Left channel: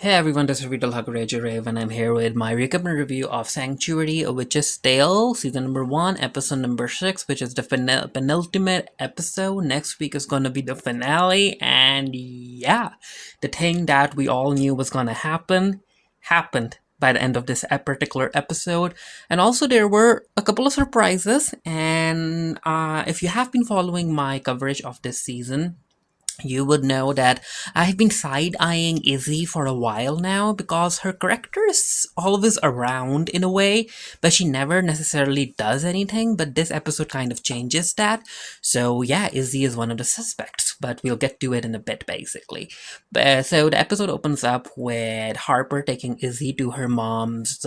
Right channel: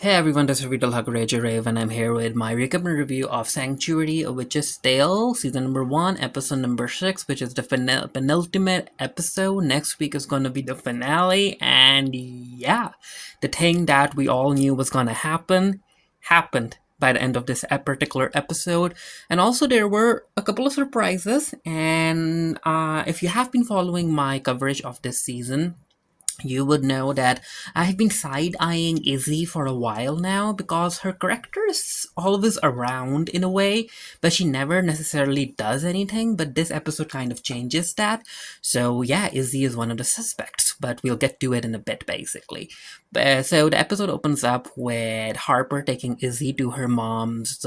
Hey everyone, this is Vital Hakurajarev and I'm here with my recap and review of Sanctuary, A Witch's Tale, Season number 1, Episode number 6, which is the penultimate episode. Next week is going to be the finale, and yeah, the thing that we all knew was going to happen, happened by the end of this particular episode. And also there were a couple of surprises, and if you have been following my coverage of this season, you would know that I've been side eyeing Izzy for a while now because her character is always around in a way, but she never necessarily does anything. But this episode kind of changes that. So, yeah, Izzy is one of the suspects, but we'll get to it in a bit basically. So, the episode opens up with Harper taking Izzy to her mom's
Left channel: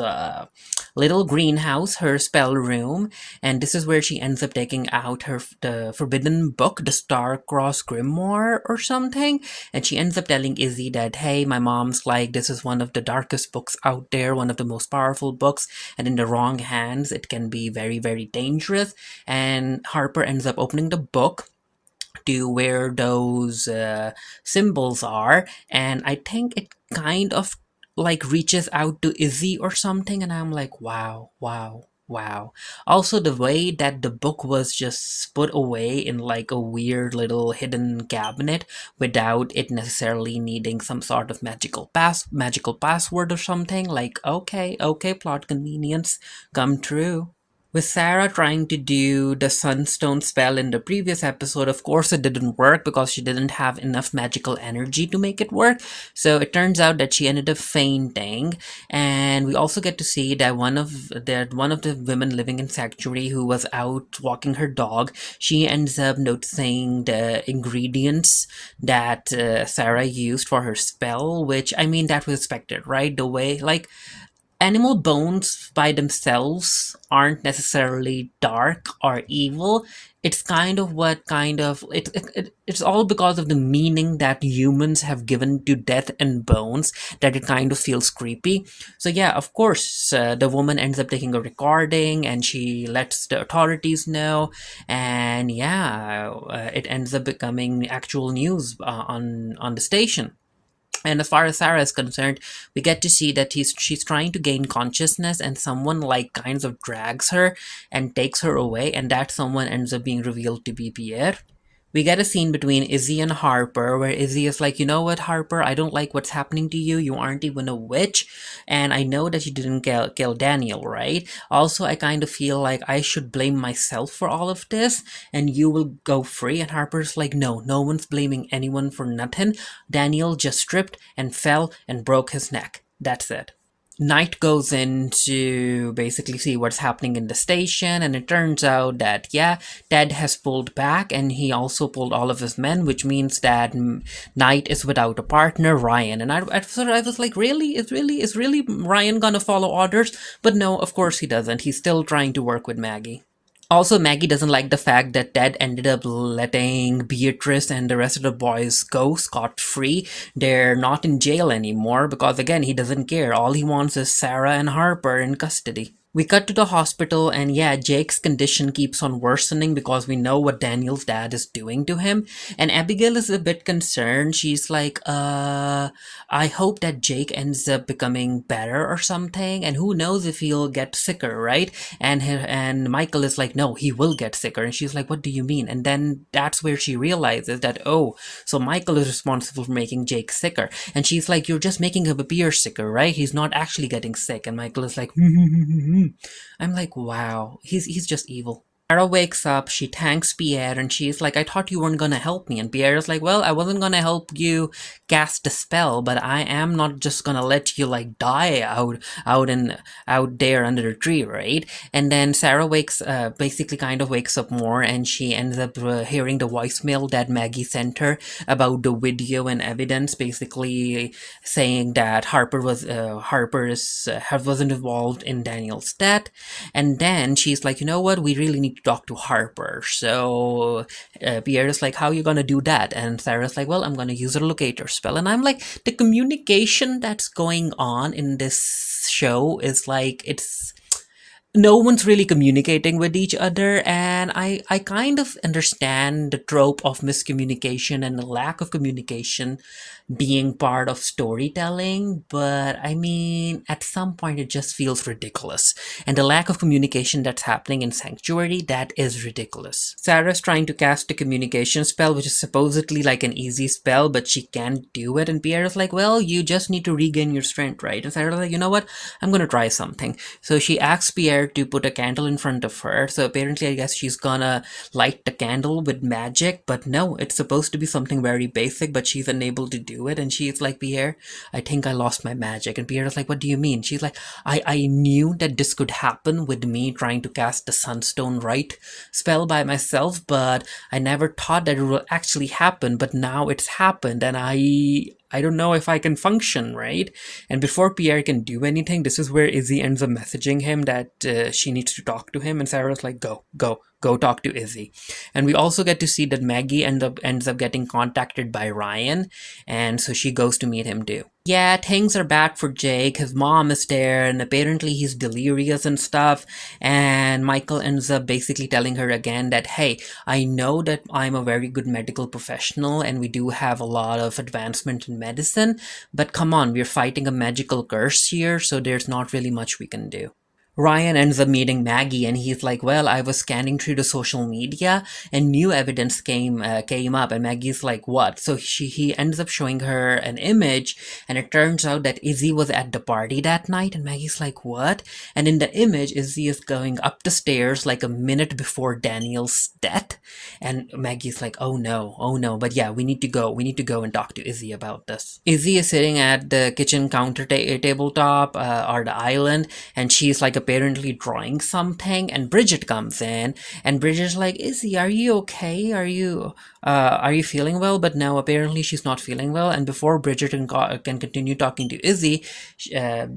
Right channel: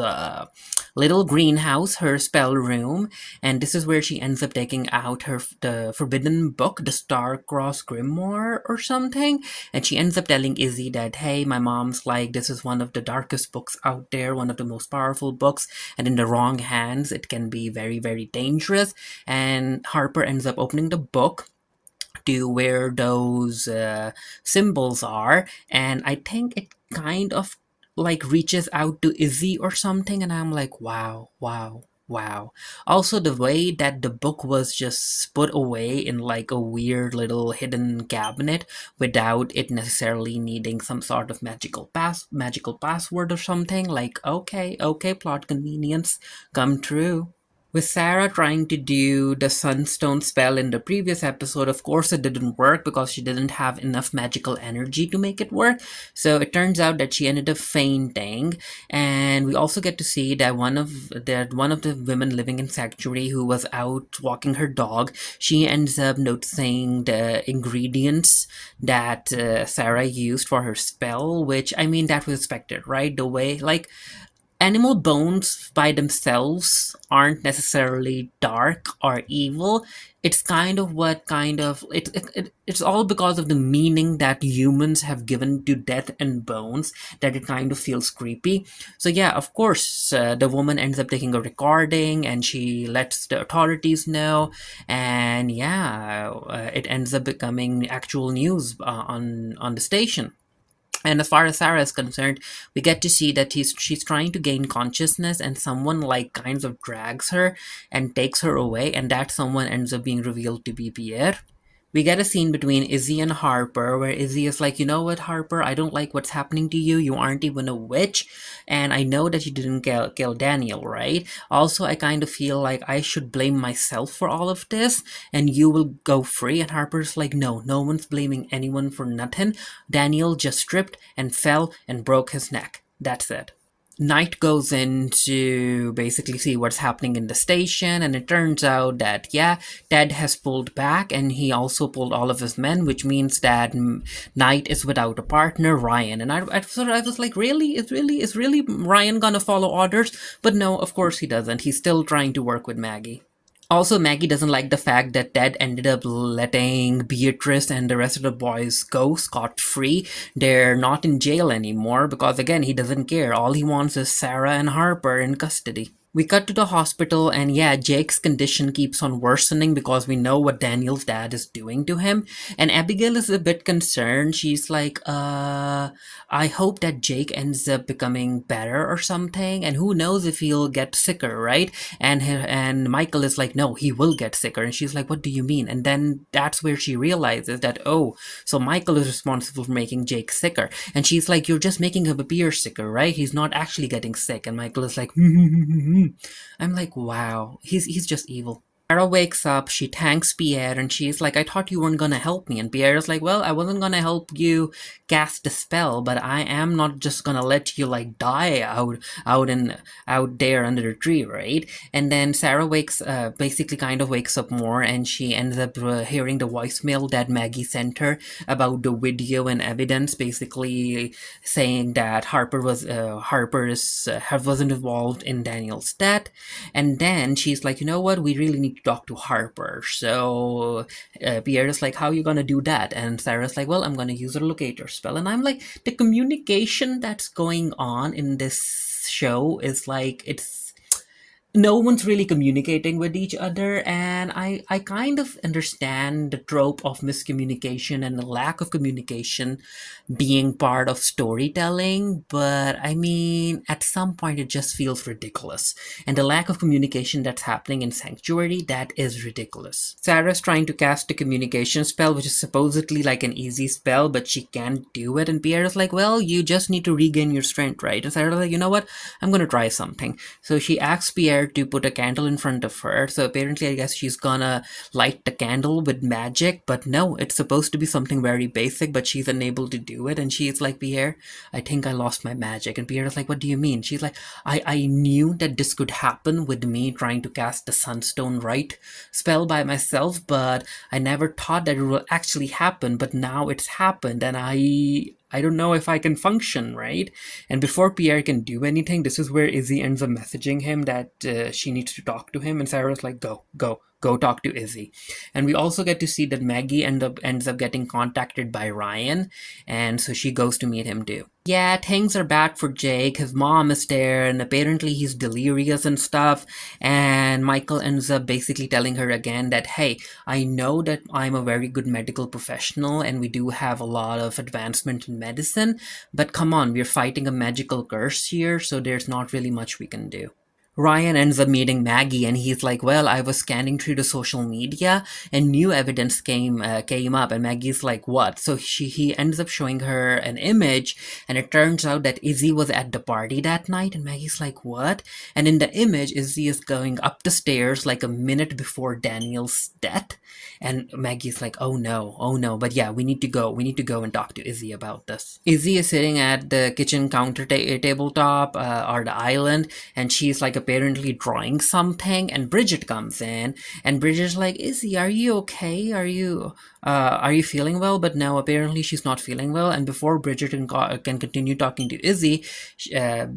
little greenhouse, her spell room, and this is where she ends up taking out the forbidden book, the Star-Crossed Grimoire or something, and she ends up telling Izzy that, hey, my mom's like, this is one of the darkest books out there, one of the most powerful books, and in the wrong hands it can be very, very dangerous. And Harper ends up opening the book to where those symbols are, and I think it kind of like reaches out to Izzy or something, and I'm like, wow, wow, wow. Also, the way that the book was just put away in like a weird little hidden cabinet without it necessarily needing some sort of magical password or something, like, okay, okay, plot convenience come true. With Sarah trying to do the Sunstone spell in the previous episode, of course it didn't work because she didn't have enough magical energy to make it work. So it turns out that she ended up fainting, and we also get to see that one of the women living in Sanctuary who was out walking her dog, she ends up noticing the ingredients that Sarah used for her spell, which I mean that was expected, right? The way like animal bones by themselves aren't necessarily dark or evil. It's kind of what kind of it's all because of the meaning that humans have given to death and bones that it kind of feels creepy. So yeah, of course, the woman ends up taking a recording and she lets the authorities know, and yeah, it ends up becoming actual news on the station. And as far as Sarah is concerned, we get to see that she's trying to gain consciousness, and someone like kinds of drags her and takes her away, and that someone ends up being revealed to be Pierre. We get a scene between Izzy and Harper where Izzy is like, you know what, Harper, I don't like what's happening to you. You aren't even a witch. And I know that you didn't kill Daniel, right? Also, I kind of feel like I should blame myself for all of this and you will go free. And Harper's like, no, no one's blaming anyone for nothing. Daniel just stripped and fell and broke his neck. That's it. Knight goes in to basically see what's happening in the station, and it turns out that, yeah, Ted has pulled back, and he also pulled all of his men, which means that Knight is without a partner, Ryan. And I was like, really? Is really Ryan gonna follow orders? But no, of course he doesn't. He's still trying to work with Maggie. Also, Maggie doesn't like the fact that Ted ended up letting Beatrice and the rest of the boys go scot-free. They're not in jail anymore because, again, he doesn't care. All he wants is Sarah and Harper in custody. We cut to the hospital, and yeah, Jake's condition keeps on worsening because we know what Daniel's dad is doing to him. And Abigail is a bit concerned. She's like, I hope that Jake ends up becoming better or something. And who knows if he'll get sicker, right? And Michael is like, no, he will get sicker. And she's like, what do you mean? And then that's where she realizes that, oh, so Michael is responsible for making Jake sicker. And she's like, you're just making him appear sicker, right? He's not actually getting sick. And Michael is like, I'm like, wow, he's just evil. Sarah wakes up, she thanks Pierre, and she's like, I thought you weren't gonna help me. And Pierre is like, well, I wasn't gonna help you cast a spell, but I am not just gonna let you like die out there under the tree, right? And then Sarah basically kind of wakes up more, and she ends up hearing the voicemail that Maggie sent her about the video and evidence, basically saying that wasn't involved in Daniel's death. And then she's like, you know what? We really need to talk to Harper. So Pierre is like, how are you going to do that? And Sarah's like, well, I'm going to use a locator spell. And I'm like, the communication that's going on in this show is like, it's no one's really communicating with each other, and I kind of understand the trope of miscommunication and lack of communication being part of storytelling, but I mean, at some point it just feels ridiculous. And the lack of communication that's happening in Sanctuary, that is ridiculous. Sarah's trying to cast a communication spell, which is supposedly like an easy spell, but she can't do it. And Pierre is like, well, you just need to regain your strength, right? And Sarah's like, you know what? I'm gonna try something. So she asks Pierre to put a candle in front of her. So apparently, I guess she's gonna light the candle with magic, but no, it's supposed to be something very basic, but she's unable to do it. And she's like, Pierre, I think I lost my magic. And Pierre is like, what do you mean? She's like, I knew that this could happen with me trying to cast the Sunstone Rite spell by myself, but I never thought that it would actually happen. But now it's happened, and I don't know if I can function, right? And before Pierre can do anything, this is where Izzy ends up messaging him that she needs to talk to him, and Sarah's like, go talk to Izzy. And we also get to see that Maggie ends up getting contacted by Ryan, and so she goes to meet him too. Yeah, things are bad for Jake. His mom is there, and apparently he's delirious and stuff. And Michael ends up basically telling her again that, hey, I know that I'm a very good medical professional, and we do have a lot of advancement in medicine, but come on, we're fighting a magical curse here, so there's not really much we can do. Ryan ends up meeting Maggie, and he's like, well, I was scanning through the social media and new evidence came up. And Maggie's like, what? So he ends up showing her an image, and it turns out that Izzy was at the party that night. And Maggie's like, what? And in the image, Izzy is going up the stairs like a minute before Daniel's death. And Maggie's like, oh no. But yeah, we need to go and talk to Izzy about this. Izzy is sitting at the kitchen counter tabletop or the island, and she's like apparently drawing something, and Bridget comes in, and Bridget's like, Izzy, are you okay? Are you feeling well? But no, apparently she's not feeling well. And before Bridget can continue talking to Izzy,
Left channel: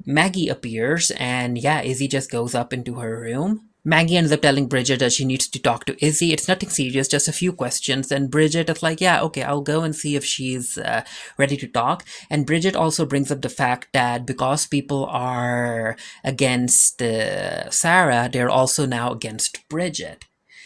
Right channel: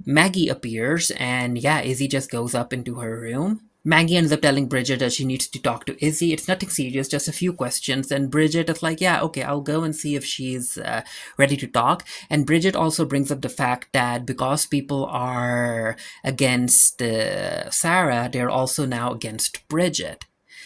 Maggie appears, and yeah, Izzy just goes up into her room. Maggie ends up telling Bridget that she needs to talk to Izzy. It's nothing serious, just a few questions. And Bridget is like, yeah, okay, I'll go and see if she's ready to talk. And Bridget also brings up the fact that because people are against Sarah, they're also now against Bridget.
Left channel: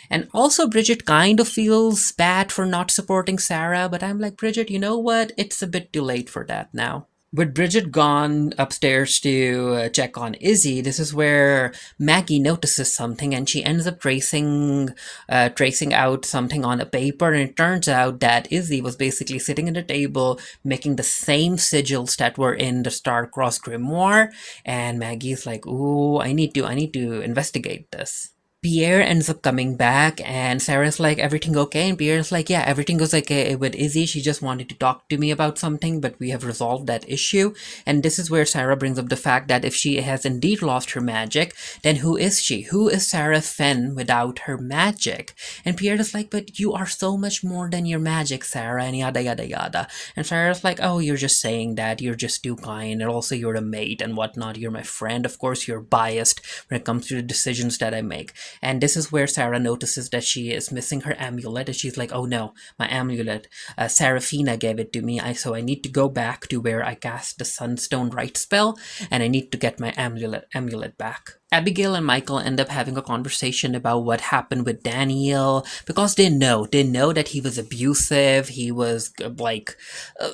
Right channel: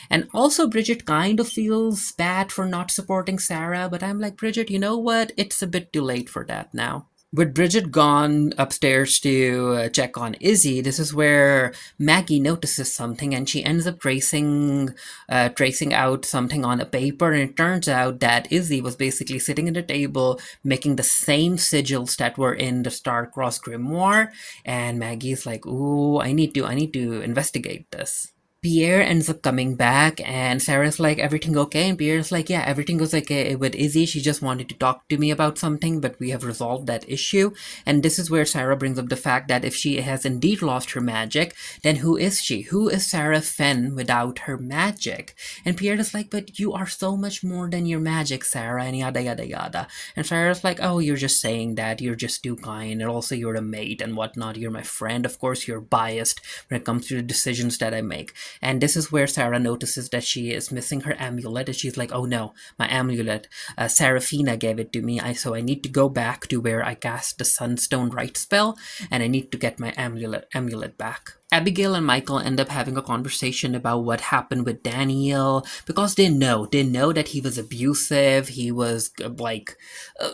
And also, Bridget kind of feels bad for not supporting Sarah, but I'm like, Bridget, you know what? It's a bit too late for that now. With Bridget gone upstairs to check on Izzy, this is where Maggie notices something, and she ends up tracing out something on a paper, and it turns out that Izzy was basically sitting at a table making the same sigils that were in the Star-Crossed Grimoire, and Maggie's like, ooh, I need to investigate this. Pierre ends up coming back, and Sarah's like, everything okay? And Pierre's like, yeah, everything goes okay with Izzy. She just wanted to talk to me about something, but we have resolved that issue. And this is where Sarah brings up the fact that if she has indeed lost her magic, then who is she? Who is Sarah Fenn without her magic? And Pierre is like, but you are so much more than your magic, Sarah, and yada yada yada. And Sarah's like, oh, you're just saying that. You're just too kind, and also you're a mate and whatnot. You're my friend. Of course, you're biased when it comes to the decisions that I make. And this is where Sarah notices that she is missing her amulet, and she's like, oh no, my amulet. Seraphina gave it to me, so I need to go back to where I cast the Sunstone Rite spell, and I need to get my amulet back. Abigail and Michael end up having a conversation about what happened with Daniel, because they know that he was abusive. He was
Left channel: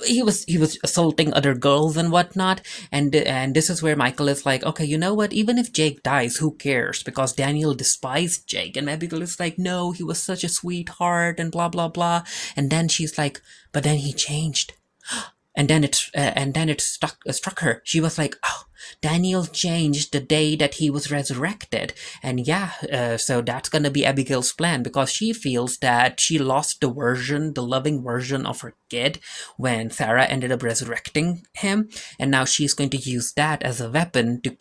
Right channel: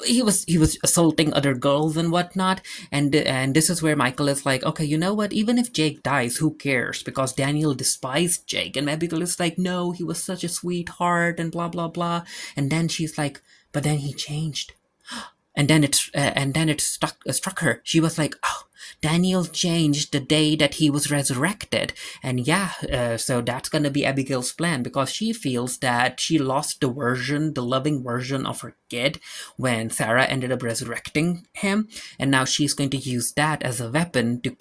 he was assaulting other girls and whatnot. And this is where Michael is like, okay, you know what? Even if Jake dies, who cares? Because Daniel despised Jake, and Abigail is like, no, he was such a sweetheart and blah blah blah. And then she's like, but then he changed. And then it struck her. She was like, oh, Daniel changed the day that he was resurrected. And yeah, so that's gonna be Abigail's plan, because she feels that she lost the loving version of her kid when Sarah ended up resurrecting him, and now she's going to use that as a weapon to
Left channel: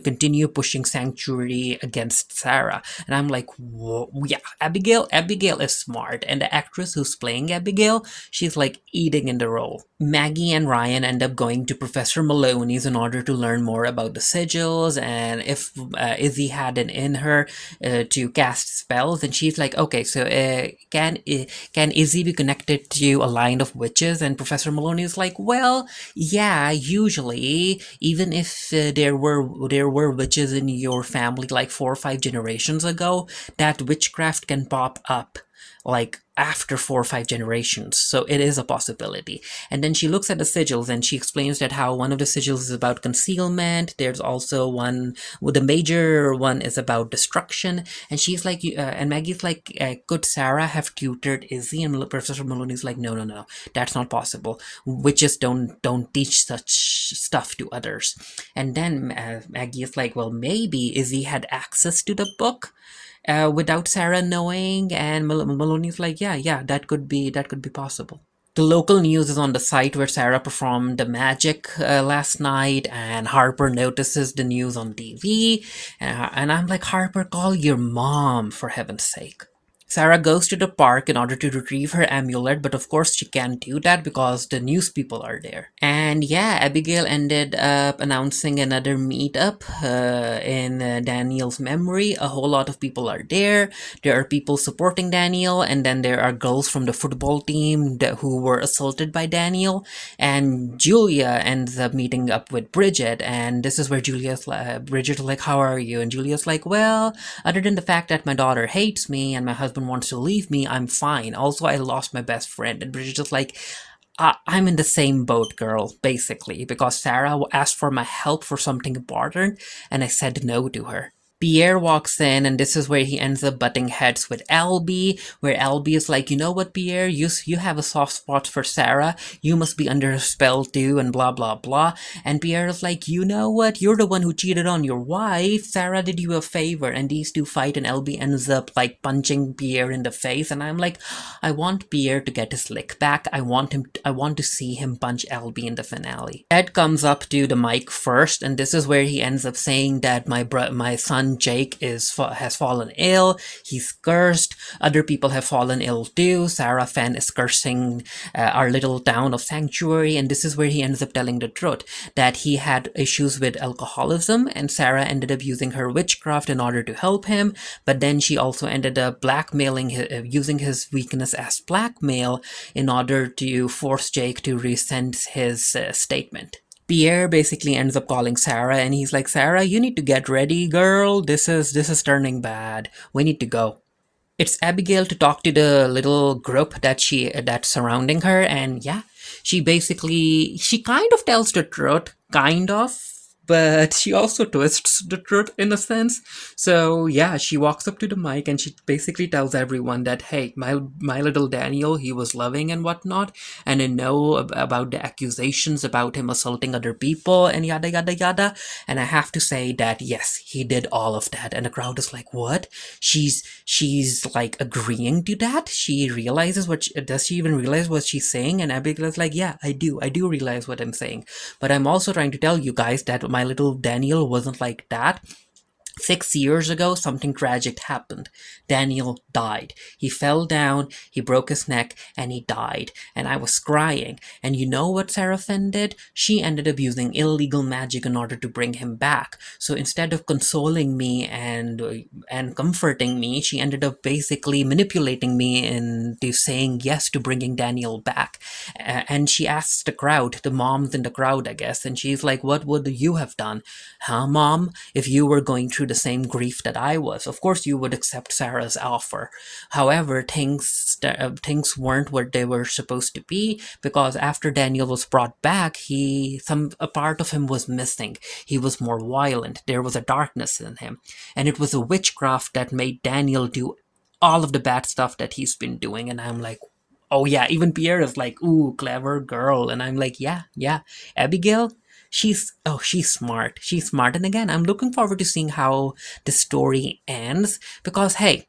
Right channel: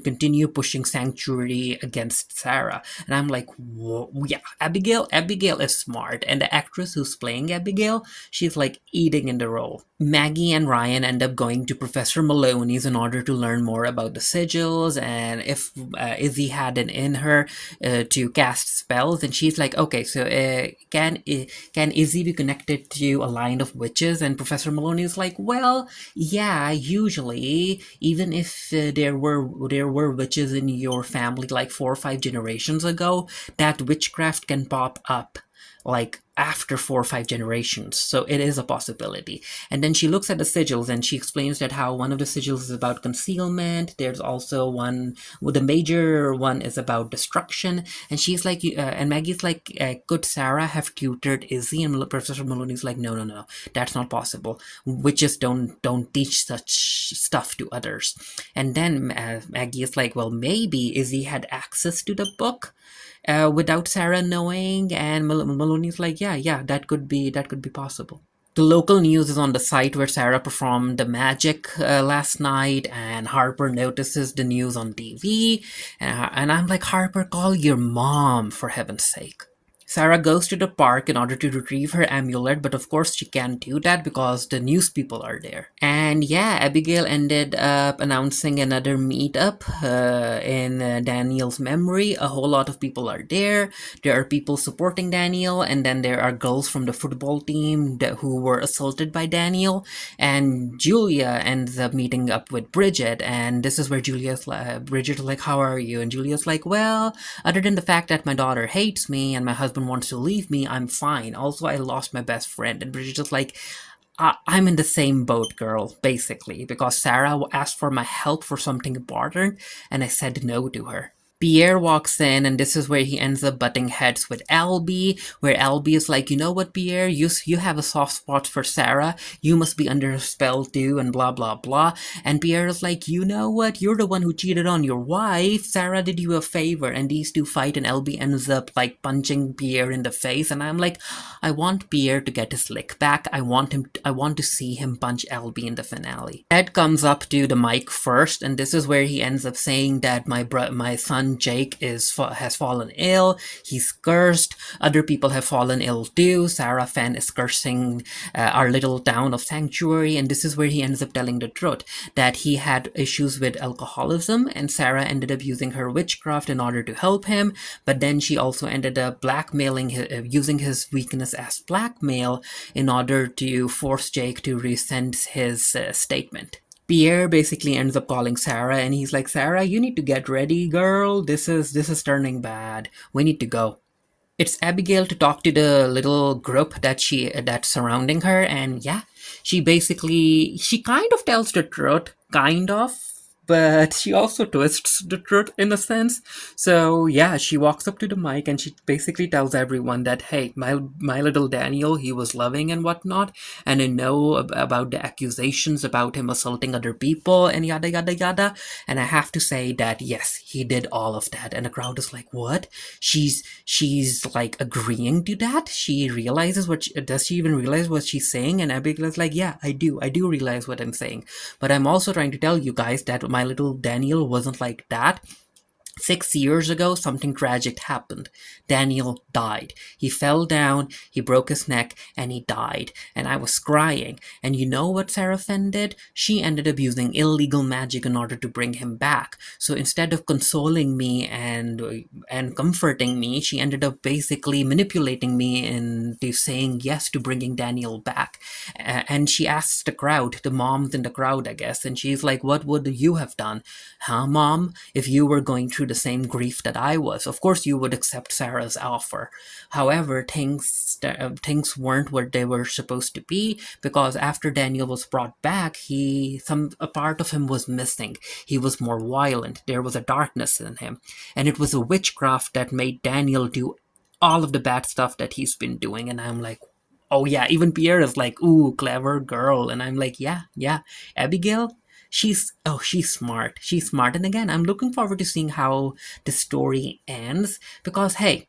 continue pushing Sanctuary against Sarah. And I'm like, whoa, yeah, Abigail is smart, and the actress who's playing Abigail, she's like eating in the role. Maggie and Ryan end up going to Professor Maloney's in order to learn more about the sigils and if Izzy had it in her to cast spells. And she's like, okay, so can Izzy be connected to a line of witches? And Professor Maloney is like, well, yeah, usually, even if there were witches in your family like 4 or 5 generations ago, that witchcraft can pop up like after 4 or 5 generations. So it is a possibility. And then she looks at the sigils and she explains that how one of the sigils is about concealment. There's also one, with the major one is about destruction. And she's like, and Maggie's like, could Sarah have tutored Izzy? And Professor Maloney's like, no, no, no, that's not possible. Witches don't teach such stuff to others. And then Maggie is like, well, maybe Izzy had access to the book without Sarah knowing, and Maloney's like, yeah, that could be possible. The local news is on the site where Sarah performed the magic last night, and Harper notices the news on TV, and I'm like, Harper, call your mom, for heaven's sake. Sarah goes to the park in order to retrieve her amulet, but of course she can't do that because the news people are there. And yeah, Abigail ended up announcing another meetup in Daniel's memory. A whole lot of people are there. There are people supporting Daniel, and then there are girls from the football team who were assaulted by Daniel. And Julia ends up meeting up with Bridget, and this is where Bridget's like, how are you? And Julia's like, well, other than the fact that my daughter hates me and my husband wants to leave me, I'm fine. Also, I lost my best friend. And Bridget's just like, I'm in the same boat, girl, basically, because Sarah asked for my help for something important, and I said no to her. Pierre walks in, and this is where he ends up butting heads with Albie, where Albie is like, you know what, Pierre, you have a soft spot for Sarah, you must be under a spell too, and blah, blah, blah. And Pierre is like, you know what, you're the one who cheated on your wife, Sarah did you a favor, and these two fight, and Albie ends up, like, punching Pierre in the face, and I'm like, I want Pierre to get his lick back, I want to see him punch Albie in the finale. Ed comes up to the mic first, and this is where he ends up saying that my son Jake has fallen ill, he's cursed, other people have fallen ill too, Sarah Fenn is cursing our little town of Sanctuary, and this is where he ends up telling the truth, that he had issues with alcoholism, and Sarah ended up using her witchcraft in order to help him, but then she also ended up using his weakness as blackmail in order to force Jake to rescind his statement. Pierre basically ends up calling Sarah, and he's like, Sarah, you need to get ready, girl. This is turning bad. We need to go. It's Abigail to talk to the little group that's surrounding her, and yeah, she kind of tells the truth, kind of, but she also twists the truth in a sense. So yeah, she walks up to the mic and she basically tells everyone that, hey, my little Daniel, he was loving and whatnot, and I know about the accusations about him assaulting other people and yada yada yada, and I have to say that yes, he did all of that. And the crowd is like, what? She's like agreeing to that? Does she even realize what she's saying? And Abigail is like, yeah, I do realize what I'm saying, but I'm also trying to tell you guys that my little Daniel wasn't like that. 6 years ago, something tragic happened. Daniel died. He fell down, he broke his neck, and he died. And I was crying. And you know what Sarah Fenn did? She ended up using illegal magic in order to bring him back. So instead of consoling me and comforting me, she ended up basically manipulating me into saying yes to bringing Daniel back. And she asks the crowd, the moms in the crowd, I guess, and she's like, what would you have done? Huh, Mom? If you were going through the same grief that I was, of course you would accept Sarah's offer. However, things weren't what they were supposed to be, because after Daniel was brought back, a part of him was missing. He was more violent. There was a darkness in him, and it was a witchcraft that made Daniel do all of the bad stuff that he's been doing. And I'm like, oh yeah, even Pierre is like, ooh, clever girl. And I'm like, yeah, Abigail, she's smart. She's smart. And again, I'm looking forward to seeing how the story ends, because hey,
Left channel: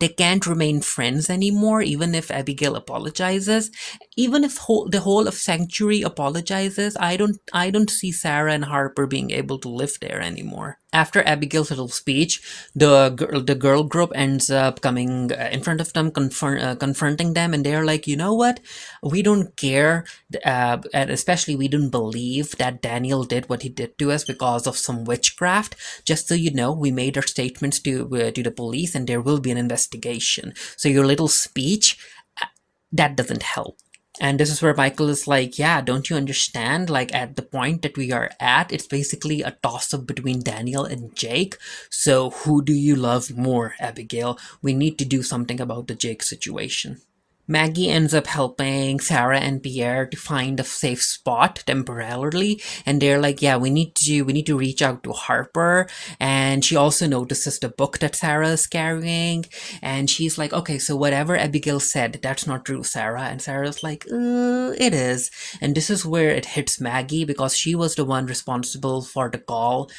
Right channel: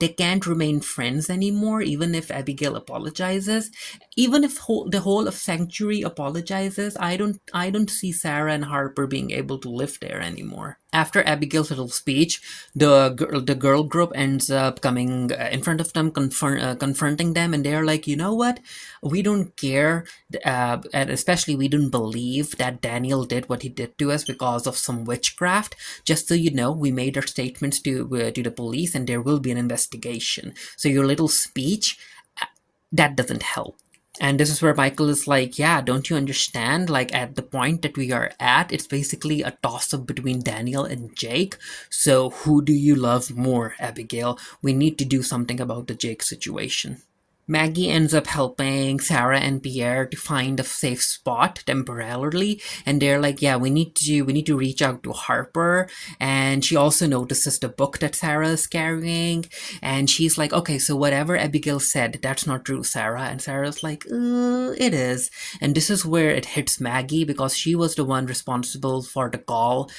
they can't remain friends anymore, even if Abigail apologizes. Even if the whole of Sanctuary apologizes, I don't see Sarah and Harper being able to live there anymore. After Abigail's little speech, the girl group ends up coming in front of them, confronting them, and they're like, you know what? We don't care, and especially we don't believe that Daniel did what he did to us because of some witchcraft. Just so you know, we made our statements to the police, and there will be an investigation. So your little speech, that doesn't help. And this is where Michael is like, yeah, don't you understand? Like, at the point that we are at, it's basically a toss-up between Daniel and Jake. So who do you love more, Abigail? We need to do something about the Jake situation. Maggie ends up helping Sarah and Pierre to find a safe spot temporarily, and they're like, "Yeah, we need to reach out to Harper." And she also notices the book that Sarah is carrying, and she's like, "Okay, so whatever Abigail said, that's not true, Sarah." And Sarah's like, "It is." And this is where it hits Maggie because she was the one responsible for the call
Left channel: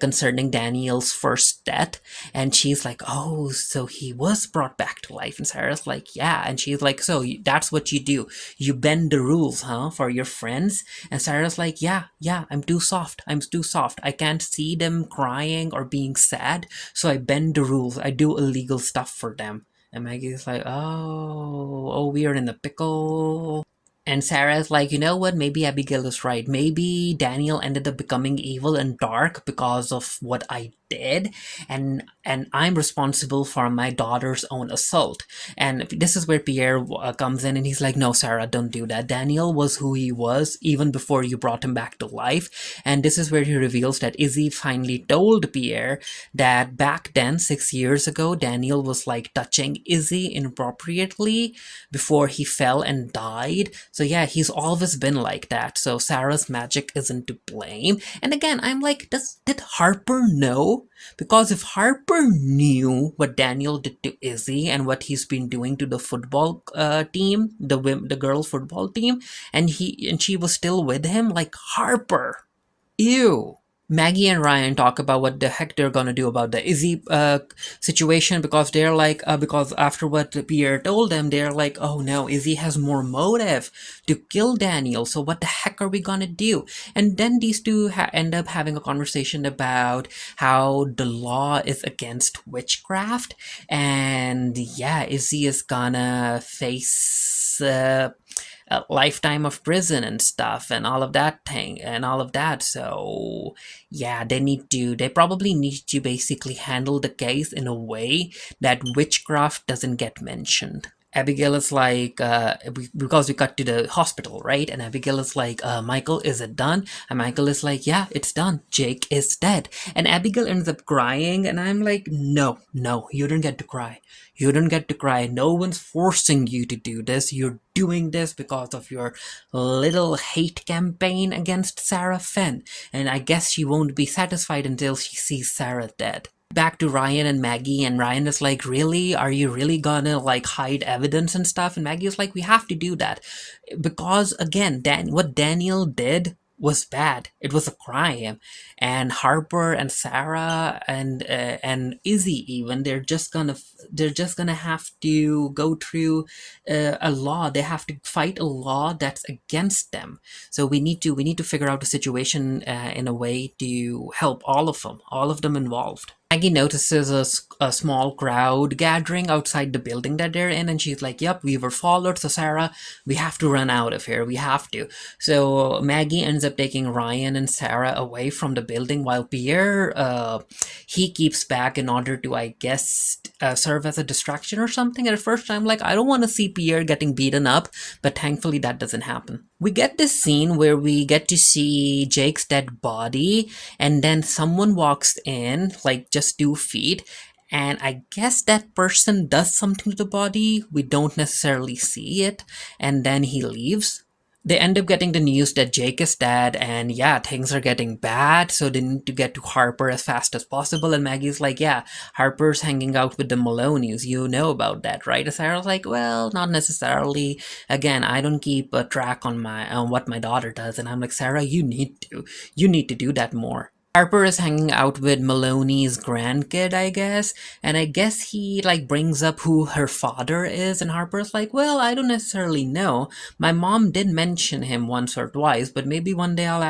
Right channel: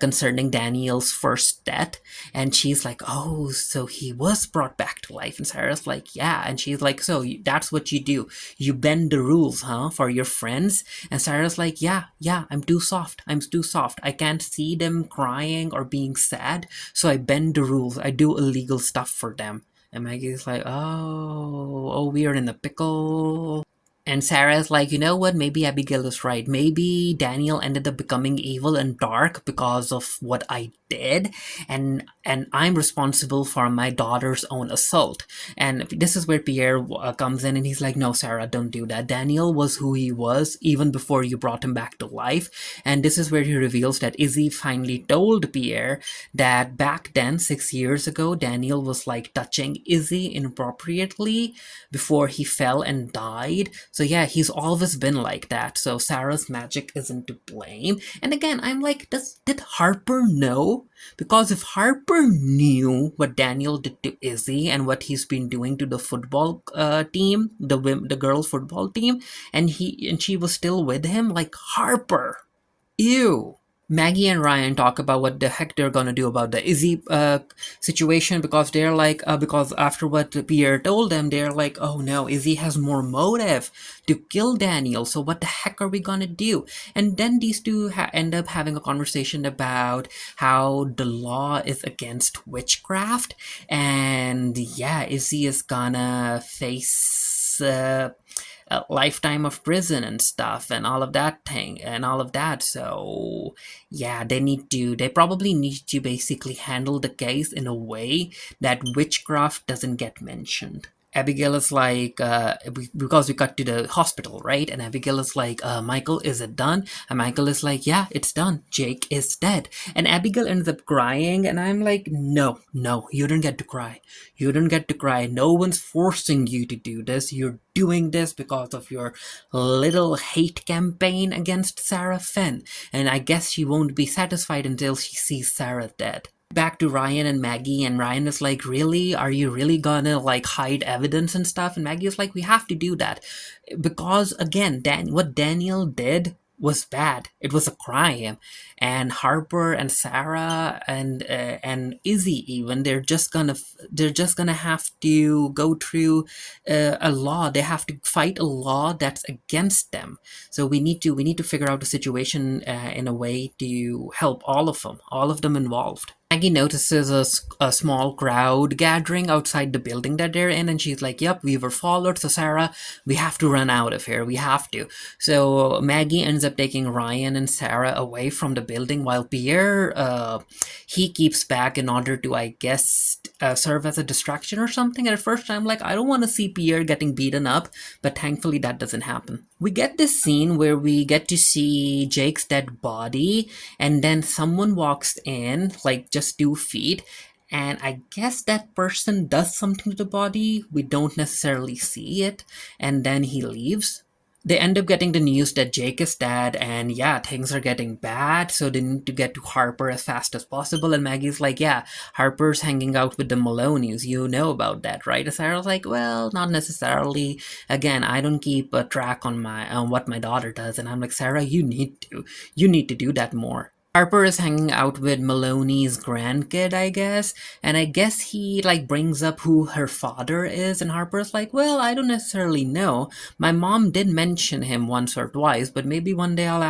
concerning Daniel's first death, and she's like, "Oh, so he was brought back to life." And Sarah's like, "Yeah." And she's like, "So that's what you do? You bend the rules, huh, for your friends?" And Sarah's like, "Yeah, yeah, I'm too soft. I'm too soft. I can't see them crying or being sad, so I bend the rules. I do illegal stuff for them." And Maggie's like, "Oh, we are in the pickle." And Sarah's like, "You know what? Maybe Abigail is right. Maybe Daniel ended up becoming evil and dark because of what I did, and I'm responsible for my daughter's own assault." And this is where Pierre comes in, and he's like, "No, Sarah, don't do that. Daniel was who he was even before you brought him back to life." And this is where he reveals that Izzy finally told Pierre that back then, 6 years ago, Daniel was like touching Izzy inappropriately before he fell and died. So yeah, he's always been like that. So Sarah's magic isn't to blame. And again, I'm like, did Harper know? Because if Harper knew what Daniel did to Izzy and what he's been doing to the football team, the girls football team, and she was still with him, like Harper, ew. Maggie and Ryan talk about what the heck they're gonna do about the Izzy situation because they're like, because after what Pierre told them, they're like, "Oh no, Izzy has more motive to kill Daniel, so what the heck are we gonna do?" And then these two end up having a conversation about how the law is against witchcraft, and yeah, Izzy is gonna face a lifetime of prison and stuff and all of that thing and all of that. So yeah, they probably need to basically handle the case in a way that witchcraft doesn't get mentioned. Abigail is like, because we cut to the hospital, right? And Abigail is like, "Michael, is it done?" And Michael is like, "Yeah, it's done. Jake is dead." And Abigail ends up crying, and I'm like, "No, no, you don't get to cry. You don't get to cry. No one's forcing you to do this. You're doing this because of your little hate campaign against Sarah Finn. And I guess she won't be satisfied until she sees Sarah dead." Back to Ryan and Maggie, and Ryan is like, "Really? Are you really gonna like hide evidence and stuff?" And Maggie is like, "We have to do that because again, what Daniel did was bad. It was a crime, and Harper and Sarah and Izzy even they're just gonna have to go through a law. They have to fight a law that's against them. So we need to figure out the situation in a way to help all of them involved." Maggie notices a small crowd gathering outside the building that they're in, and she's like, "Yep, we were followed, so Sarah, we have to run out of here. We have to." So Maggie ends up taking Ryan and Sarah away from the building while Pierre, he keeps back in order to, I guess, serve as a distraction or something. At first, I'm like, I don't want to see Pierre getting beaten up, but thankfully that doesn't happen. We get this scene where we get to see Jake's dead body, and then someone walks in, like just 2 feet, and I guess that person does something to the body. We don't necessarily see it, and then he leaves. They end up getting the news that Jake is dead, and yeah, things are getting bad, so they need to get to Harper as fast as possible. And Maggie's like, "Yeah, Harper's hanging out with the Maloney's. You know about that, right?" And Sarah's like, "Well, not necessarily. Again, I don't keep a track on what my daughter does." And I'm like, "Sarah, you need to do that more." Harper is hanging out with Maloney's grandkid, I guess, and I guess he like brings up who her father is, and Harper's like, "Well, I don't necessarily know. My mom did mention him once or twice, but maybe one day I'll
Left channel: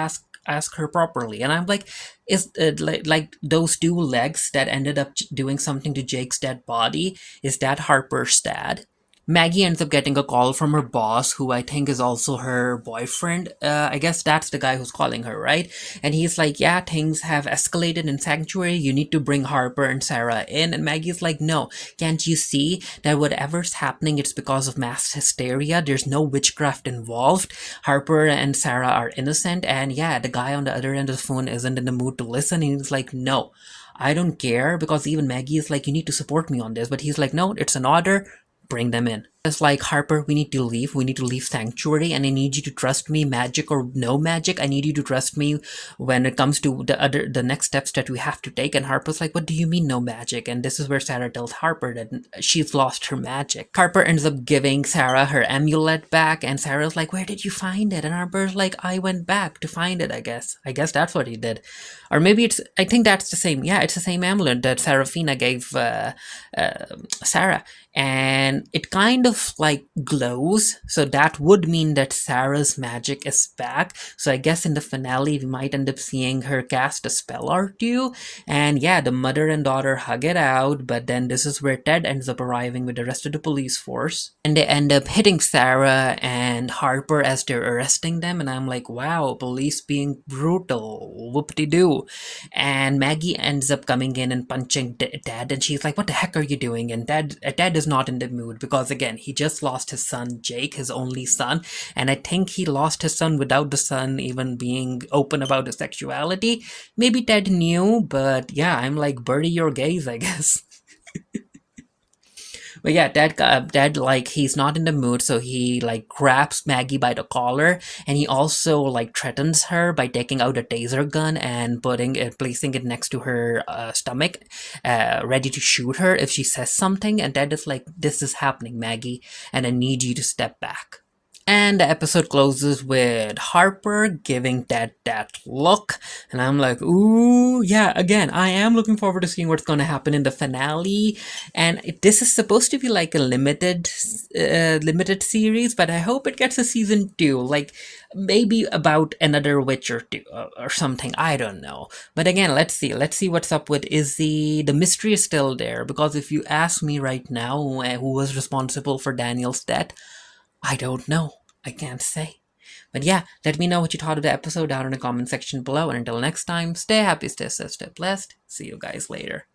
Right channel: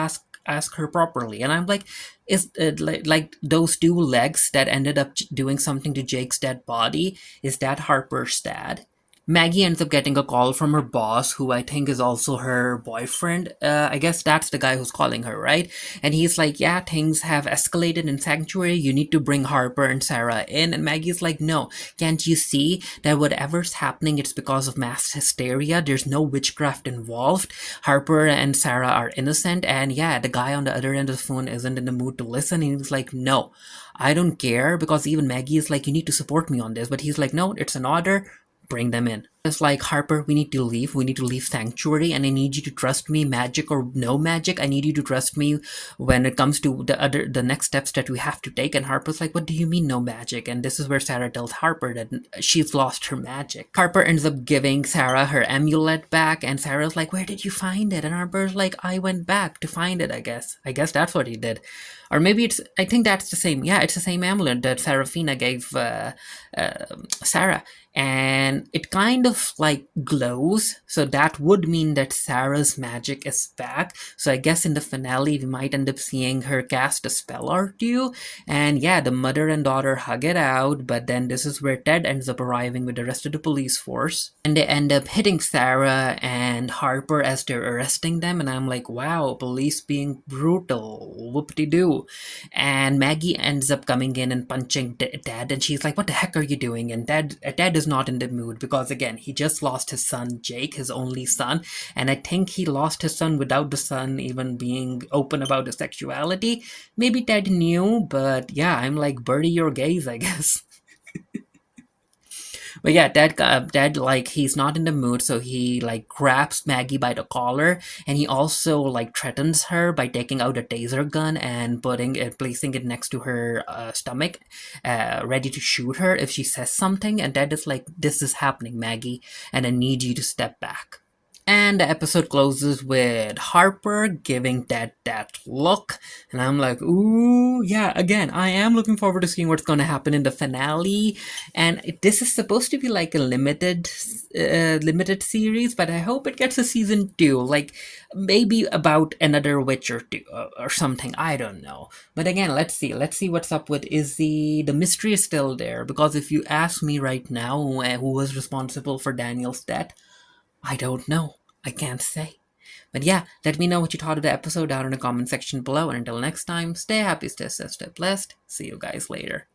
ask her properly." And I'm like, is like those 2 legs that ended up doing something to Jake's dead body? Is that Harper's dad? Maggie ends up getting a call from her boss, who I think is also her boyfriend. I guess that's the guy who's calling her, right? And he's like, "Yeah, things have escalated in Sanctuary. You need to bring Harper and Sarah in." And Maggie's like, "No, can't you see that whatever's happening, it's because of mass hysteria? There's no witchcraft involved. Harper and Sarah are innocent." And yeah, the guy on the other end of the phone isn't in the mood to listen. And he's like, "No, I don't care," because even Maggie is like, "You need to support me on this." But he's like, "No, it's an order. Bring them in." It's like, Harper, we need to leave. We need to leave Sanctuary, and I need you to trust me, magic or no magic. I need you to trust me when it comes to the next steps that we have to take. And Harper's like, what do you mean no magic? And this is where Sarah tells Harper that she's lost her magic. Harper ends up giving Sarah her amulet back, and Sarah's like, where did you find it? And Harper's like, I went back to find it, I guess. I guess that's what he did. Or maybe I think that's the same. Yeah, it's the same amulet that Serafina gave Sarah. And it kind of like glows, so that would mean that Sarah's magic is back. So I guess in the finale we might end up seeing her cast a spell or two. And yeah, the mother and daughter hug it out, but then this is where Ted ends up arriving with the rest of the police force. And they end up hitting Sarah and Harper as they're arresting them, and I'm like, wow, police being brutal, whoop-de-doo. And Maggie ends up coming in and punching Dad, and she's like, what the heck are you doing? And Dad is not in the mood because, again, he just lost his son Jake, his only son, and I think he lost his son without the son even being open about his sexuality. Maybe Ted knew, but yeah, I'm like, bury your gays, I guess. But yeah, Dad, like, he's not in the mood, so he like grabs Maggie by the collar, and he also like threatens her by taking out a taser gun and placing it next to her stomach, ready to shoot her if she says something. And Dad is like, "This is happening, Maggie, and I need you to step back." And the episode closes with Harper giving Ted that look. And I'm like, ooh, yeah, again, I am looking forward to seeing what's going to happen in the finale. And this is supposed to be like a limited series, but I hope it gets a season 2. Like, maybe about another witch or two or something. I don't know. But again, let's see. Let's see what's up with Izzy. The mystery is still there, because if you ask me right now who was responsible for Daniel's death, I don't know. I can't say. But yeah, let me know what you thought of the episode down in the comment section below. And until next time, stay happy, stay safe, stay blessed. See you guys later.